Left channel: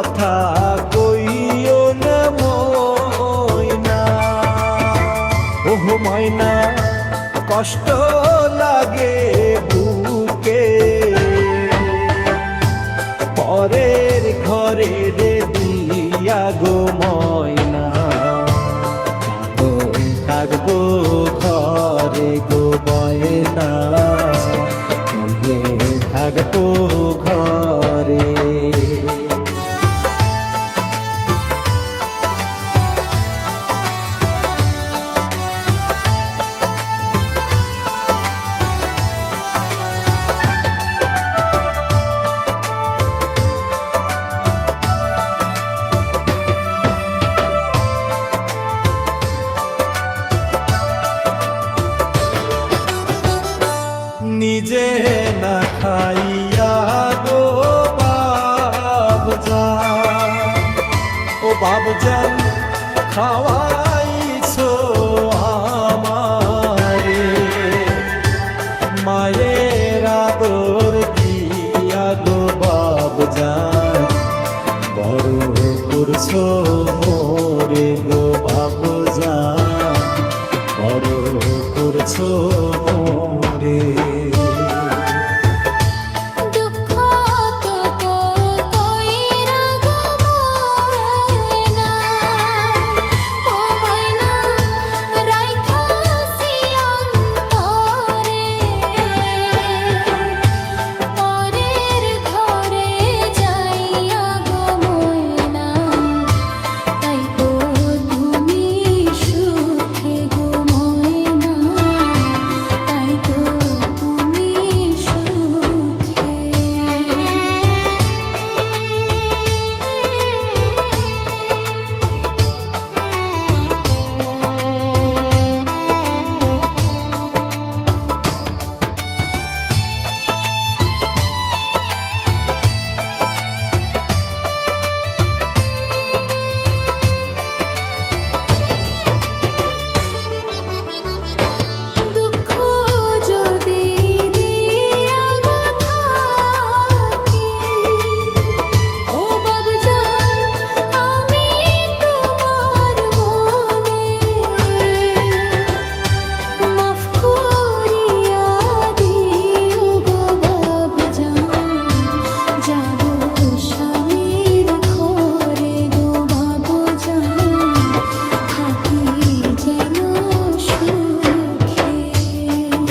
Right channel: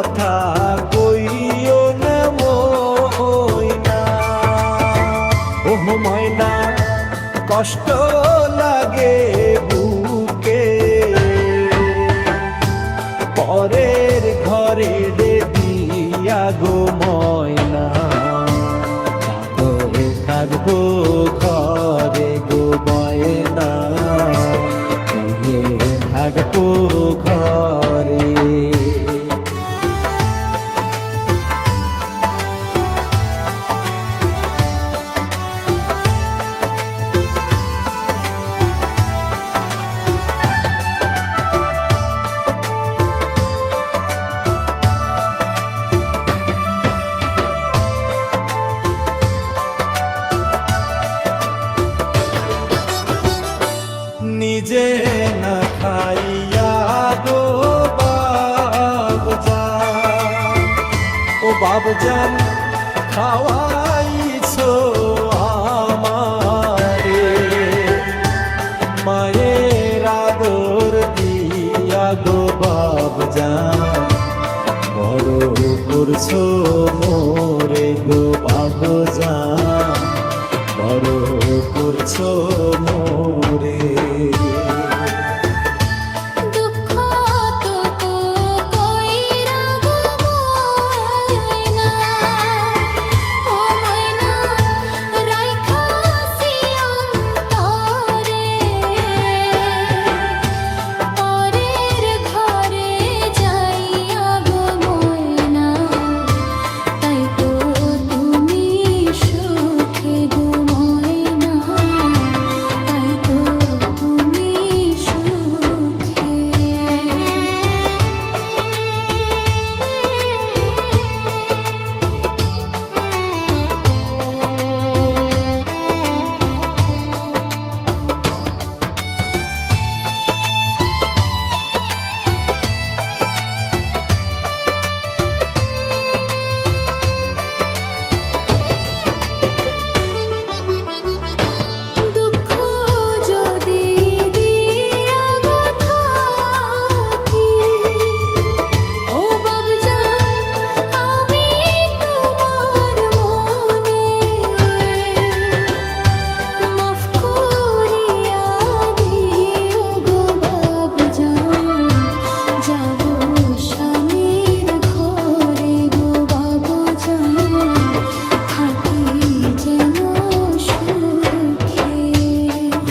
কথা কইও না ময়না, ওহ ময়না কষ্ট লাগে বুকে, পরের ঘরে রে দিয়া গো ময়না, থাকবো ঘরে গো ময়না, থাকবো ঘরে। নিজে না খাইয়া গো বাবজান, ও বাবজান খাওয়াইছো আমারে, মায়ের আদর দিয়া গো বাবজান, বড় করছো মোরে গো বাবজান, বড় করছো মোরে।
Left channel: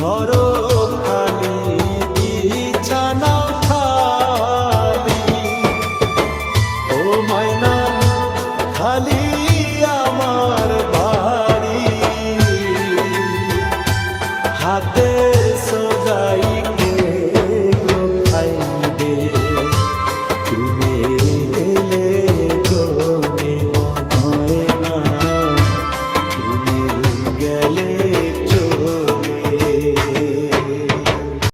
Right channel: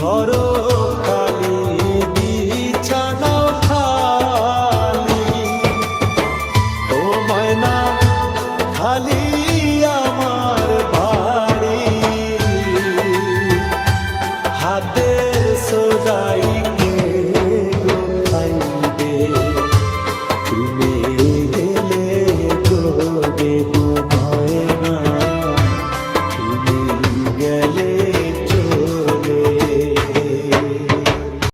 ঘর খালি বিছানাও খালি, ও ময়না খালি আমার বাড়ি, হাতের সদাই কে গো খাইবে, তুমি গেলে গো